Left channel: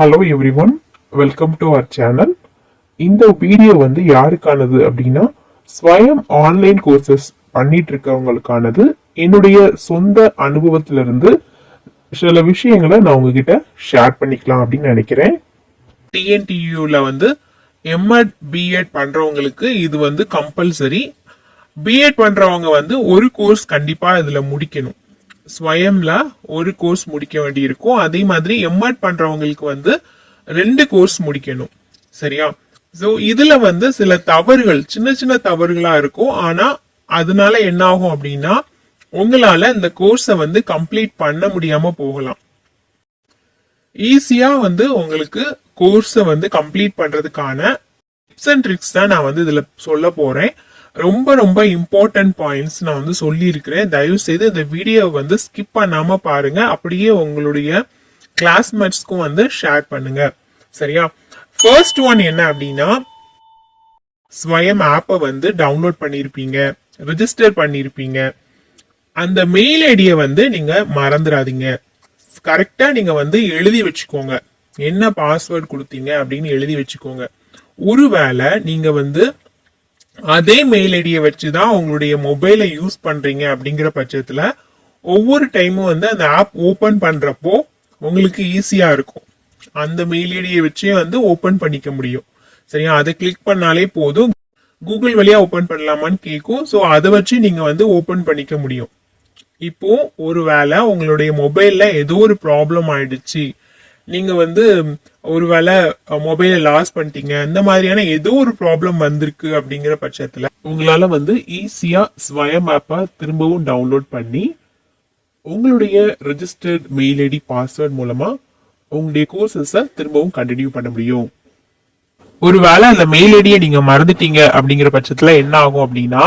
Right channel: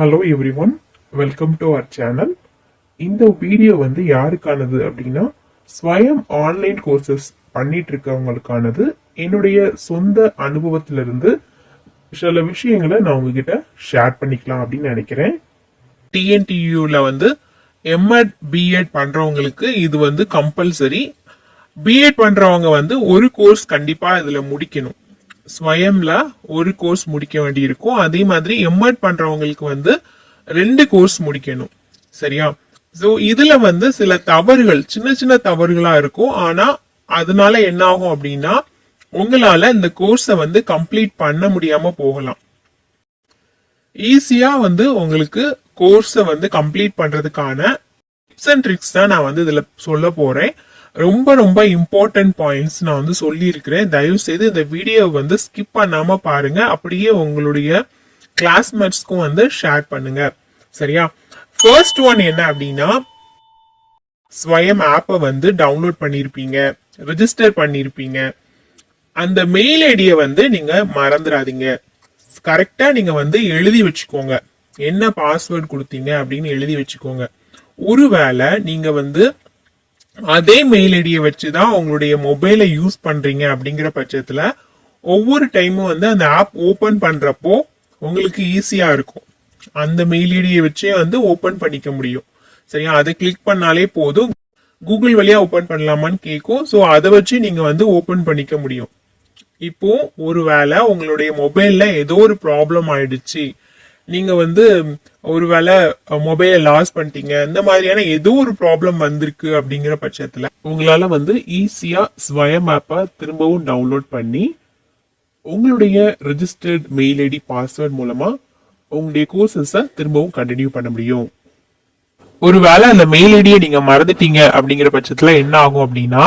Hello everyone, welcome to our channel. இந்த video வந்து யாருக்கானது அப்படின்னா ஸ்வயம் ஆன்லைன் கோர்சஸ் பண்ணிட்டு இருக்கவங்களுக்கானது. என்னுடைய சொந்த அனுபவத்திலிருந்து சில விஷயங்களை நான் உங்ககிட்ட ஷேர் பண்ணிக்கலாம் அப்படின்னு நினைக்கிறேன். டிஎன்டியூல வந்து எம்எட் பிஎட் பண்றவங்களுக்கு இது வந்து கம்பல்சரி. பிஎட் பண்றவங்க வந்து ஒரு கோர்ஸ் கண்டிப்பா இதுல முடிக்கணும். ஸ்வயம்ல ஒரு கோர்ஸ் முடிக்க வேண்டி இருக்கும். அதே மாதிரி எம்எட் பண்றவங்களுக்கு வந்து 2 கோர்ஸ் முடிக்கணும். சரியா? சோ இதுல வந்து சில தவறுகள், சின்ன சின்ன தவறுகளா இருக்கும். ஆனா அதனால என்ன ஆகும் அப்படின்னா உங்களால இந்த கோர்ஸை வந்து கம்ப்ளீட் பண்ண முடியாம போகலாம். ஈஸியா வந்து உங்களுக்கு கோர்ஸை வந்து கம்ப்ளீட் பண்றதுக்கான டிப்ஸ் அண்ட் ட்ரிக்ஸ் தான் நான் வந்து இதுல சொல்ல போறேன். ரொம்ப ரொம்ப இம்பார்ட்டன்ட் பாயிண்ட்ஸ் நான் வந்து சொல்லி இருக்கிறேன். தயவு செய்து இந்த வீடியோவை வந்து ஸ்கிப் பண்ணாம பாருங்க. அப்படியே உங்களுடைய கிளாஸ்மேட்ஸ்க்கும் வந்து ஷேர் பண்ணுங்க. சரியா? ஃபர்ஸ்ட் ஒன் என்ன அப்படின்னா, ஸ்வயம் ஆப்பை வந்து டவுன்லோட் பண்ணிருப்பீங்க, ரெஜிஸ்டர் பண்ணிருப்பீங்க. அந்த மெயில் ஐடியை வந்து நீங்க மறந்துடாதீங்க. கரெக்டா நீங்க வந்து எழுதி வச்சுக்கோங்க. என்ன பாஸ்வேர்ட் கொடுத்தீங்க அப்படின்னு எழுதி வச்சுக்கோங்க. ஒருவேளை நீங்க வந்து அதே மெயில் ஐடியை வச்சுதான் உங்களுடைய மொபைலை யூஸ் பண்றீங்க அப்படிங்கிற பட்சத்துல ஒவ்வொரு டைமும் வந்து அந்த ஆப் ஓபன் பண்றப்போ உங்களுக்கு ஈஸியா இருக்கும். அந்த மெயில் ஐடியை வச்சே வந்து ஓபன் பண்ணிக்க முடியும். சரியா? அதை கிளிக் பண்ணாலே போதும். கூகுள் வழியா ஓபன் பண்ணலாமான்னு கேட்கும். ஸோ அதை வச்சு நீங்க வந்து ஓபன் பண்ணிக்க முடியும். இப்போ ஒருவேளை உங்களுடைய மொபைல்ல ஏதோ ஒரு ப்ராப்ளம் ஆயிடுச்சு, நீங்க வந்து ஒருவேளை மொபைலை லாஸ் பண்ணிட்டீங்க, இந்த மாதிரியான ஏதோ ஒரு ப்ராப்ளம் வந்திருக்கு அப்படிங்கிற பட்சத்துல உங்களால வந்து ஈஸியா ஸ்வயம் ஆப்பை திரும்பவும் டவுன்லோட் பண்ணி உங்களுடைய ரெஜிஸ்டர்ட் மெயில் ஐடி பாஸ்வேர்ட் மூலமா உங்களுடைய கோர்சஸை திரும்பவும் கண்டினியூ பண்ண முடியும். ஒருவேளை அந்த மெயில் ஐடியை நீங்க மறந்துட்டீங்க அப்படிங்கிற பட்சத்துல என்ன ஆகும் அப்படின்னா,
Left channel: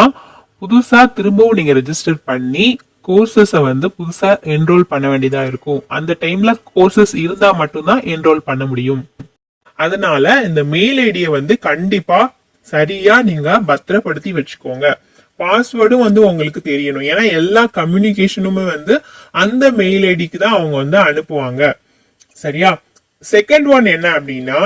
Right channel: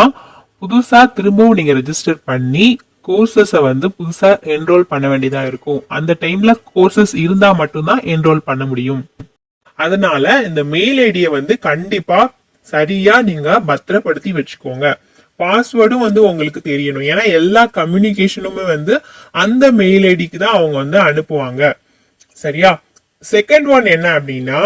புதுசா திரும்பவும் நீங்க ரெஜிஸ்டர் பண்ணி கோர்சஸை வந்து புதுசா என்ரோல் பண்ண வேண்டியதா இருக்கும். அந்த டைம்ல கோர்சஸ் இருந்தா மட்டும்தான் என்ரோல் பண்ண முடியும். அதனால இந்த மெயில் ஐடியை வந்து கண்டிப்பா சரியா நீங்க பத்திரப்படுத்தி வச்சுக்கோங்க. பாஸ்வேர்டும் வந்து உங்களுக்கு தெரியணும். ஏன்னா எல்லா கம்யூனிகேஷனுமே வந்து அந்த மெயில் ஐடிக்கு தான் அவங்க வந்து அனுப்புவாங்க. சரியா? செகண்ட் ஒன் என்ன அப்படின்னா,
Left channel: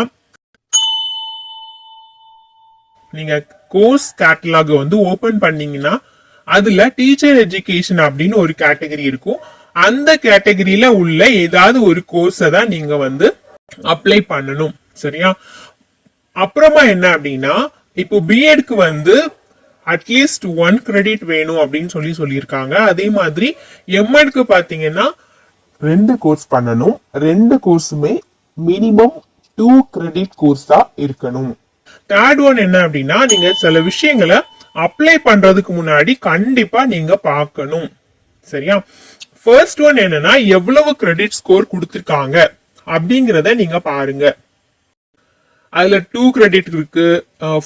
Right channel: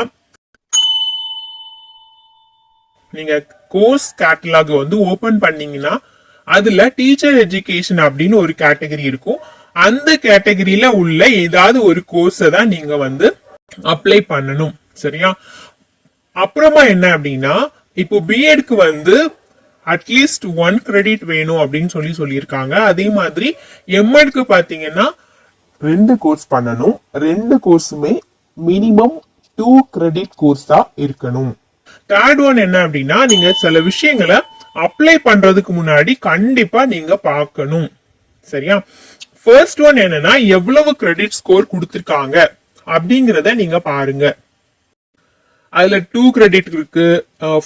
நீங்க கோர்ஸ் கேட்டலாக் வந்து ஓபன் பண்ணீங்கன்னா அதுல டீச்சர் எஜுகேஷன் அப்படின்னு ஒரு கேட்டகரி இருக்கும். அந்த கேட்டகரியில உள்ள ஏதாவது ஒரு கோர்ஸை தான் நீங்க வந்து அப்ளை பண்ணணும். சரியா? அப்புறமா என்ன அப்படின்னா, இப்போ பிஎட்க்கு வந்து அட்லீஸ்ட் 1 கிரெடிட் வேணும் அப்படின்னு சொல்லியிருக்காங்க. அதே மாதிரி எம்எட்க்கு பாத்தீங்கன்னா 2 கோர்ஸ் பண்ணணும். 2 கோர்ஸுமே மினிமம் 2 கிரெடிட் கோர்ஸா இருக்கணும். தேர்ட் ஒன் என்ன அப்படின்னா, நீங்க சில விஷயங்களை அப்ளை பண்றதுக்கு முன்னாடி கண்டிப்பா நீங்க பார்க்கணும். சரியா? ஃபர்ஸ்ட் ஒன் என்னன்னா, எவ்வளவு கிரெடிட் ஸ்கோர் கொடுத்திருக்காங்க அப்படிங்கறத நீங்க பாருங்க. அதுல 2 கிரெடிட் இருக்கு,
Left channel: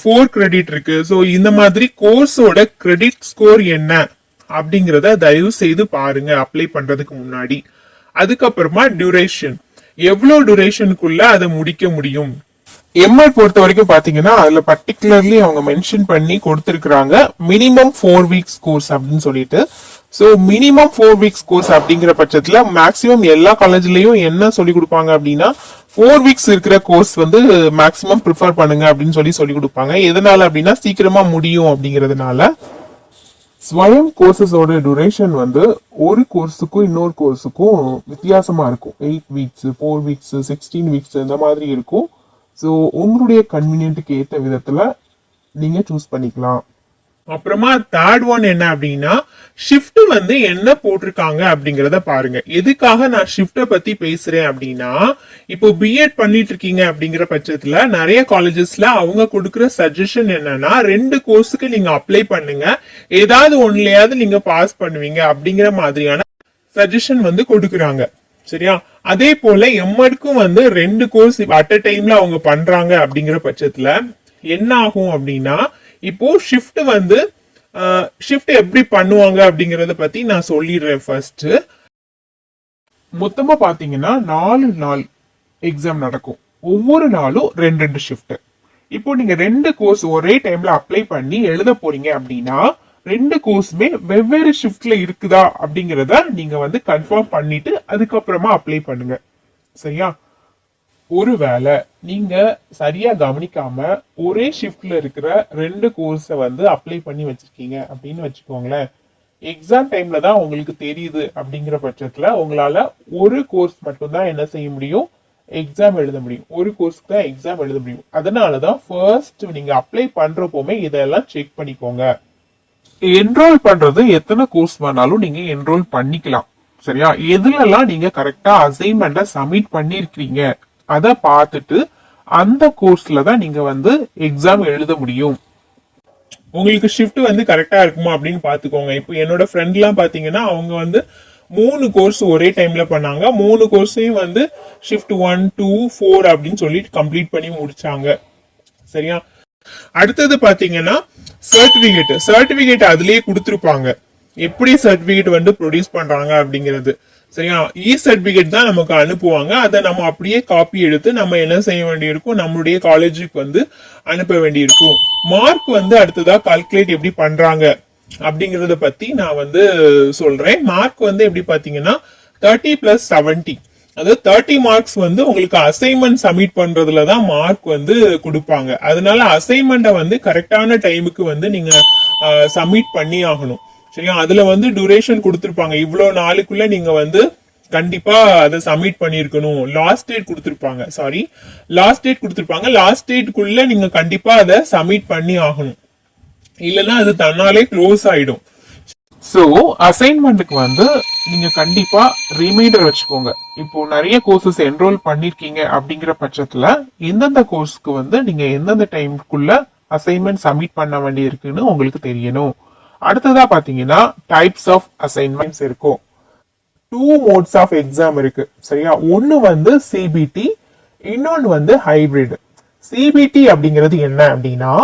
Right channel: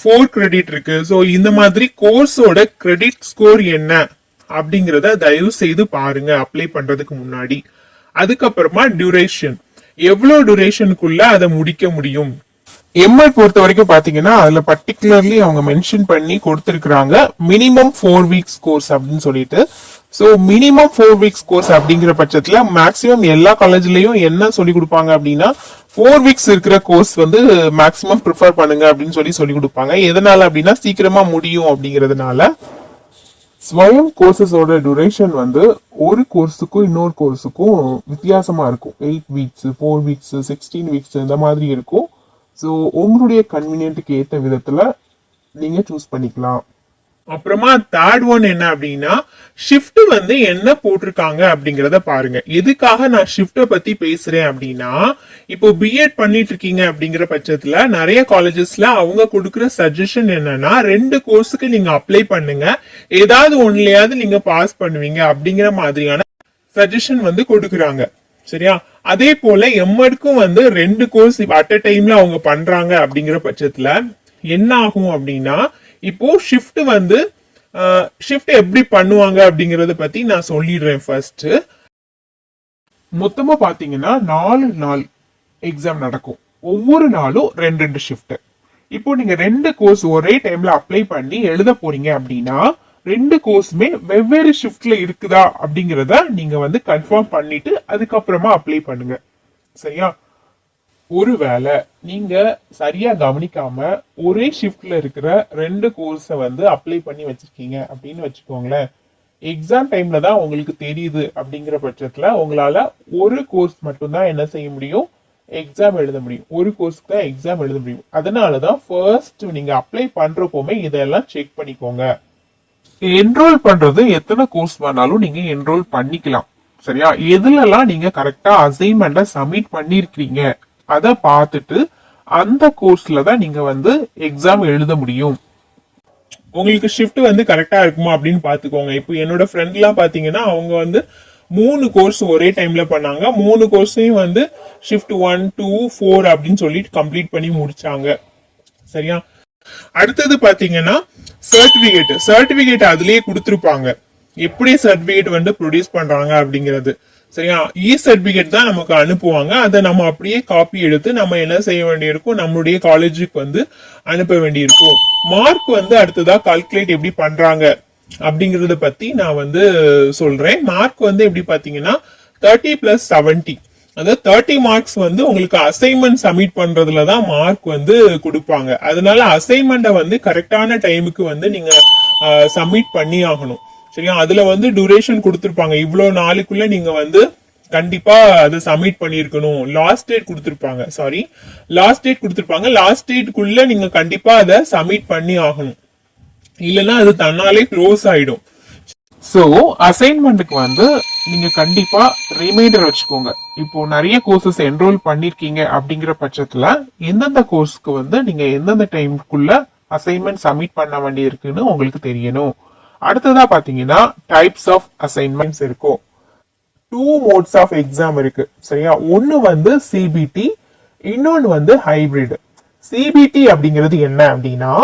4 கிரெடிட் இருக்கு. சோ இந்த மாதிரி கோர்ஸோட கிரெடிட் ஸ்கோர் என்ன அப்படிங்கறத தயவு செய்து பாருங்க அப்ளை பண்றதுக்கு முன்னாடி. அதுக்கப்புறமா டியூரேஷன், எவ்வளவு டியூரேஷனுக்குள்ள அதை முடிக்க முடியும். எம்ஐ பொறுத்த வரைக்கும் பாத்தீங்கன்னா அதுல பர்டிகுலர்லி அவங்க மென்ஷன் பண்ணி கொடுத்திருக்காங்க மினிமம் 4 வீக்ஸ் கோர்ஸ் அப்படின்னு சொல்லிட்டு. சோ மினிமம் 4 வீக்ஸ் கோர்ஸ் அப்படிங்கிற பட்சத்துல மேக்சிமம் எல்லா காலேஜ்லயும் என்ன சொல்லி கொடுப்பாங்க அப்படின்னா 4 வீக்ஸ் இருக்கிற கோர்ஸ் வந்து மேக்சிமம் ப்ரிஃபர் பண்ணுங்க அப்படின்னு சொல்லி கொடுப்பாங்க. எதனால அப்படின்னா சீக்கிரமா முடியும் அப்படிங்கறதுனால. ஸ்வயம் கோர்சஸோட டியூரேஷன் வந்து ஒரு கோர்ஸுக்கும் இன்னொரு கோர்ஸுக்கும் வித்தியாசமா இருக்கும். 8 வீக்ஸ், 4 வீக்ஸ், 16 வீக்ஸ் இந்த மாதிரி இருக்கும். ஸோ உங்களுடைய கன்வீனியன்ட்டுக்கு ஏற்ற விதத்துல நீங்க சூஸ் பண்ணிக்கலாம். அப்புறமா தேர்ட் ஒன் என்ன அப்படின்னா, ஷிஃப்ட் வந்து என்ன போட்டிருக்காங்க அப்படிங்கறத பாருங்க. எதுக்காக நான் ஷிஃப்ட பத்தி பேசுறேன் அப்படின்னா, இப்போ பிஎட் பண்ணிட்டு இருக்கீங்க அப்படிங்கிற பட்சத்துல நிறைய காலேஜஸ்ல அவங்க கொடுக்குற சஜஷன் என்னன்னா, 2 கோர்ஸுக்கு நீங்க அப்ளை பண்ணுங்க, ஏதாவது ஒன்னுலயாவது நீங்க பாஸ் பண்ணுவீங்க அப்படிங்கிற மாதிரியான சஜஷன் வந்து கொடுக்குறாங்க. சரியா? அதே போல எம்எட்க்கும் வந்து 2 கோர்ஸ் அட் அ டைம்ல அவங்க பண்றாங்க அப்படிங்கிற பட்சத்துல என்ன ஆகும் அப்படின்னா, இப்போ ஷிஃப்ட் வந்து ஷிஃப்ட் எப்படி பண்ணுவாங்க அப்படிங்கறத பத்தி நான் சொல்லிடுறேன். ஃபர்ஸ்ட் மொத்தமா பாத்தீங்கன்னா 4 நாள் எக்ஸாம் நடக்கும். ஒவ்வொரு நாளும் 2 ஷிஃப்ட். இப்போ நீங்க 2 கோர்ஸ் ஒரே டைம்ல அப்ளை பண்ணி எழுத போறீங்க அப்படின்னா 2 கோர்ஸுமே வெவ்வேறு ஷிஃப்ட்ல இருக்குதா அப்படிங்கறத நீங்க வந்து கன்ஃபார்ம் பண்ணிட்டு அதுக்கப்புறமா அப்ளை பண்ணுங்க. சரியா? ஒருவேளை நீங்க சரியா கவனிக்காம ஒரே ஷிஃப்ட்ல இருக்கிற 2 கோர்ஸை வந்து அப்ளை பண்ணி வச்சிருக்கீங்க அப்படின்னு வச்சுக்கோங்களேன், எக்ஸாம் டைம்ல தான் உங்களுக்கு தெரியுது அப்படிங்கிற பட்சத்துல உங்களால ஒரு கோர்ஸ் மட்டும்தான் என்ன செய்ய முடியும், எக்ஸாம் எழுத முடியும். ஒரு கோர்ஸ்க்கு தான் எக்ஸாம் எழுத முடியும். அதனாலதான் ஃபர்ஸ்ட் நீங்க அப்ளை பண்றப்போமே இதெல்லாம் செக் பண்ணிக்கோங்க. என்ரோல் பண்றது எத்தனை கோர்ஸ் வேணாலும் நீங்க என்ரோல் பண்ணிக்கலாம். சரியா? எதுலலாம் நீங்க கரெக்டா அசைன்மெண்ட்டை சப்மிட் பண்ணிருக்கீங்க அதை பார்த்துட்டு அந்த கோர்ஸ்ல தான் நீங்க வந்து எக்ஸாம் எழுத முடியும். உங்களுக்கு ஷிஃப்ட் வந்து கரெக்டா இருக்குமா அப்படின்னு பாத்துக்கோங்க. இப்போ என்னோட ஃப்ரெண்ட் எல்லாம் பாத்தீங்கன்னா அவங்க வந்து 3 கோர்ஸ் ஒரே டைம்ல பண்ணாங்க. 3 கோர்ஸையும் வந்து ஷிஃப்ட் 1, 2, 4 அப்படின்னு சொல்லிட்டு கம்ப்ளீட் பண்ணி முடிச்சாங்க. சரியா? அடுத்தது பாத்தீங்கன்னா சர்டிபிகேட் அதுலயே கொடுத்துருப்பாங்க, எப்படி சர்டிபிகேட் வந்து ப்ரொடியூஸ் பண்றாங்க அப்படிங்கிறது. சரியா? சர்டிபிகேட் தான் நமக்கு அனுப்புவாங்க. அதை நம்ம அப்படியே காப்பி எடுத்து நம்ம என்ன செய்ய வேண்டியிருக்கும், நம்மளுடைய காலேஜுக்கு வந்து அனுப்ப வேண்டியிருக்கும். மார்க் வந்து அடுத்ததா கால்குலேட் எப்படி பண்றாங்க அப்படிங்கறத பத்தி நான் வந்து சொல்றேன். மார்க் வந்து எப்படி பாத்தீங்கன்னா 30 + 70, அதாவது 30 மார்க்ஸ் வந்து உங்களுக்கு அசைன்மெண்ட் சப்மிட் பண்றதுலதான் மார்க் வந்து கொடுப்பாங்க. அதனால அசைன்மெண்ட்டை வந்து கரெக்டான டைமுக்கு வந்து நீங்க சப்மிட் பண்ணி ஆகணும். சரியா? அதுல வந்து டியூரேஷன் கொடுத்திருப்பாங்க, இவ்வளவு நாளுக்குள்ள நீங்க வந்து கண்டிப்பா அதை சப்மிட் பண்ணிருக்கணும். லாஸ்ட் டேட் கொடுத்திருப்பாங்க. லாஸ்ட் டேட்குள்ள நீங்க கண்டிப்பா அதை சப்மிட் பண்ணி ஆகணும், இல்லைன்னா அது தன்னாலே க்ளோஸ் ஆயிடும். சோ அசைன்மெண்ட்டுக்கு வந்து நீங்க கண்டிப்பா ரிமைண்டர் வச்சுக்கோங்க. இப்போ நிறைய கோர்சஸ் என்ரோல் பண்ணிருக்கீங்க அப்படிங்கிற பட்சத்துல எந்தெந்த கோர்ஸ்க்கு வந்து நீங்க எந்தெந்த டைம்குள்ள அசைன்மெண்ட் சப்மிட் பண்ண வேண்டி இருக்குன்னு உங்களுக்கு தெரியணும். அடுத்ததா பாத்தீங்கன்னா டைப்ஸ் ஆஃப் அசைன்மெண்ட்ஸ் இருக்கும். 2 மோட்ஸ் ஆஃப் எக்ஸாம் இருக்கு. சரியா? ஒன்னு வந்து சிபிடி, இன்னொன்னு வந்து ஹைபிரிட். சிபிடி அப்படிங்கிறது என்ன அப்படின்னா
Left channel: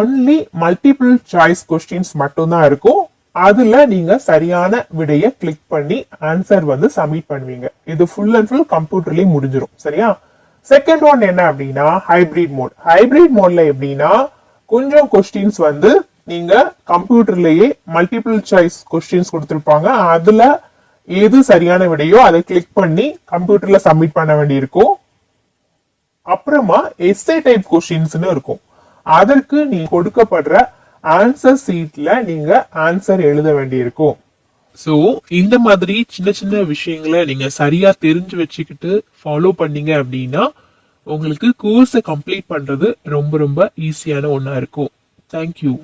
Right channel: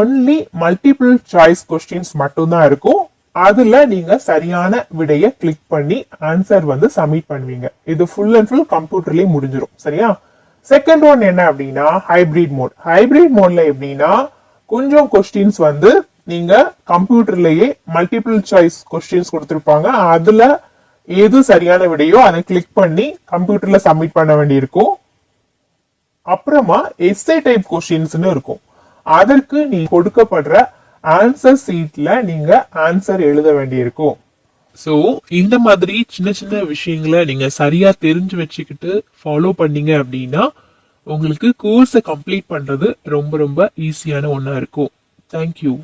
ஒன்லி மல்டிபிள் சாய்ஸ் கொஸ்டின்ஸ் மட்டும்தான் இருக்கும். அதுல நீங்க சரியான விடைய கிளிக் பண்ணி ஆன்சர் வந்து சப்மிட் பண்ணுவீங்க. இது ஃபுல் அண்ட் ஃபுல் கம்ப்யூட்டர்லயே முடிஞ்சிடும். சரியா? செகண்ட் ஒன் என்ன அப்படின்னா ஹைபிரிட் மோட்ல எப்படின்னா கொஞ்சம் கொஸ்டின்ஸ் வந்து நீங்க கம்ப்யூட்டர்லயே மல்டிபிள் சாய்ஸ் கொஸ்டின்ஸ் கொடுத்திருப்பாங்க, அதுல எது சரியான விடையோ அதை கிளிக் பண்ணி கம்ப்யூட்டர்ல சப்மிட் பண்ண வேண்டியிருக்கும். அப்புறமா எஸ்ஏ டைப் கொஸ்டின்ஸ்னு இருக்கும், அதற்கு நீ கொடுக்கப்படுற ஆன்சர் சீட்ல நீங்க ஆன்சர் எழுத வேண்டியிருக்கும். சோ இந்த மாதிரி சின்ன சின்ன விஷயங்களை நீங்க சரியா தெரிஞ்சு வச்சுக்கிட்டு ஃபாலோ பண்ணீங்க அப்படின்னா உங்களுக்கு கோர்ஸை கம்ப்ளீட் பண்றது ரொம்ப ரொம்ப ஈஸியான ஒண்ணா இருக்கும். தேங்க்யூ.